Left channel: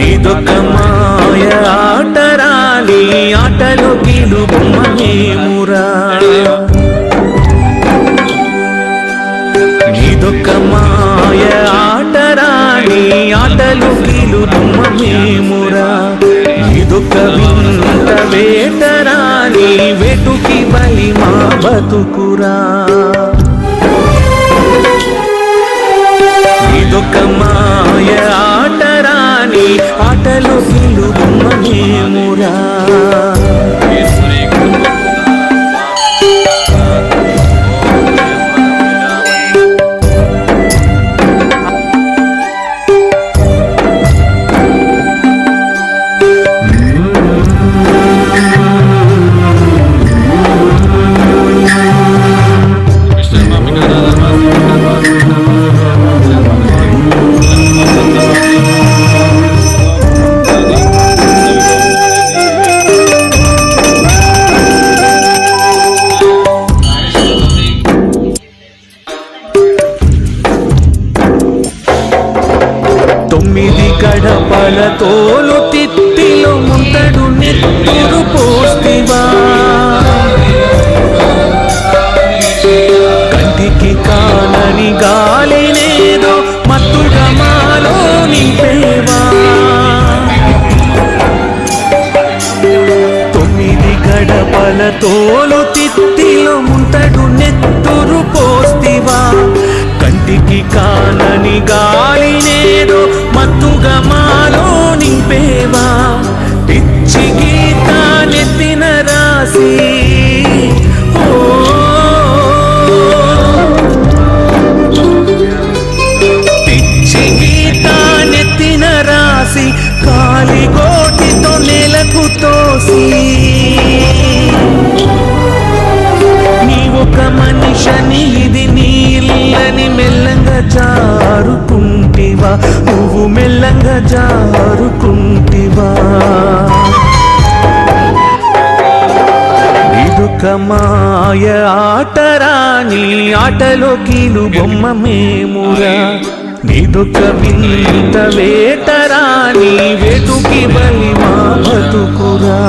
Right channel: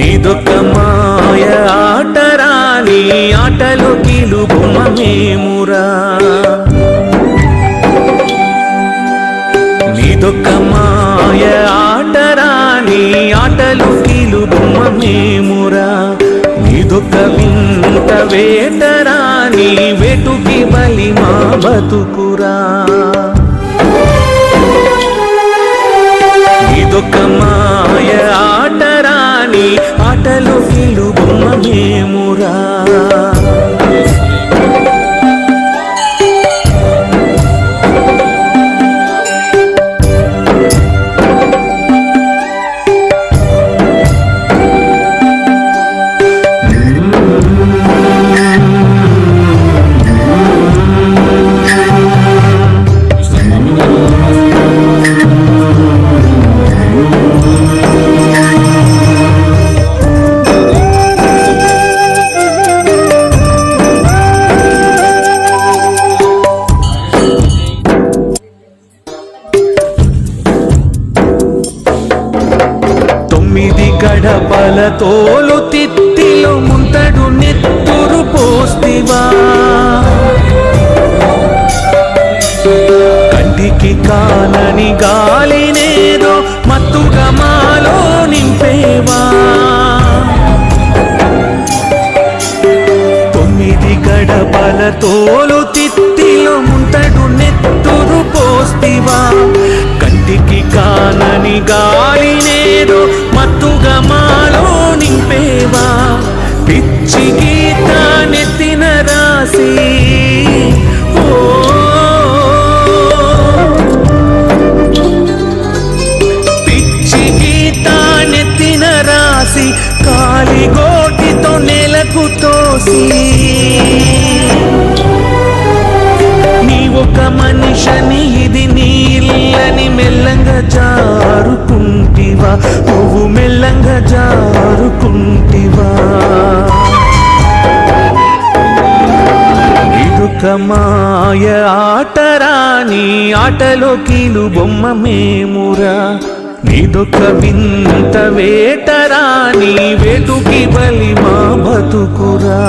నీదొక మాయ ఆటరాని ఆటలో కీలు నీదొక మాయ ఆటరాని ఆటలు కీలు బొమ్మ వింత వేటరాని వేటుకి బలి మా బతుకురా. ఇదొక మాయ ఆటరా ఆటలో కీలు బొమ్మ మేమురా తొమ్మిది గడపల తోలు తిత్తిలో ముంతడు నెత్తురు పోస్తివా. కంటికి కానని గాలినేదో మత్తుగా మాలో నింపేవా. తొమ్మిది గడపల తోలు తిత్తిలో ముంతడు నెత్తురు పోస్తివా. కంటికి కానని గాలినేదో మత్తుగా మాలో నింపేవా? పిచ్చి గీతానెత్తిన రాసి ఓ. పిచ్చి గీతానెత్తిన రాసి కాలిగోటితో నెలకు తోసి. మనిషని ఇది నీళ్ళని మెల్లంగా జారుకుంటివా? నువ్వు మెల్లంగా జారుకుంటివా? ఇదొక మాయ ఆటరా నీ ఆటలో కీలు బొమ్మ మేమురా. నీదొక వింత వేటరా నీ వేటుకి బలి మా బతుకురా.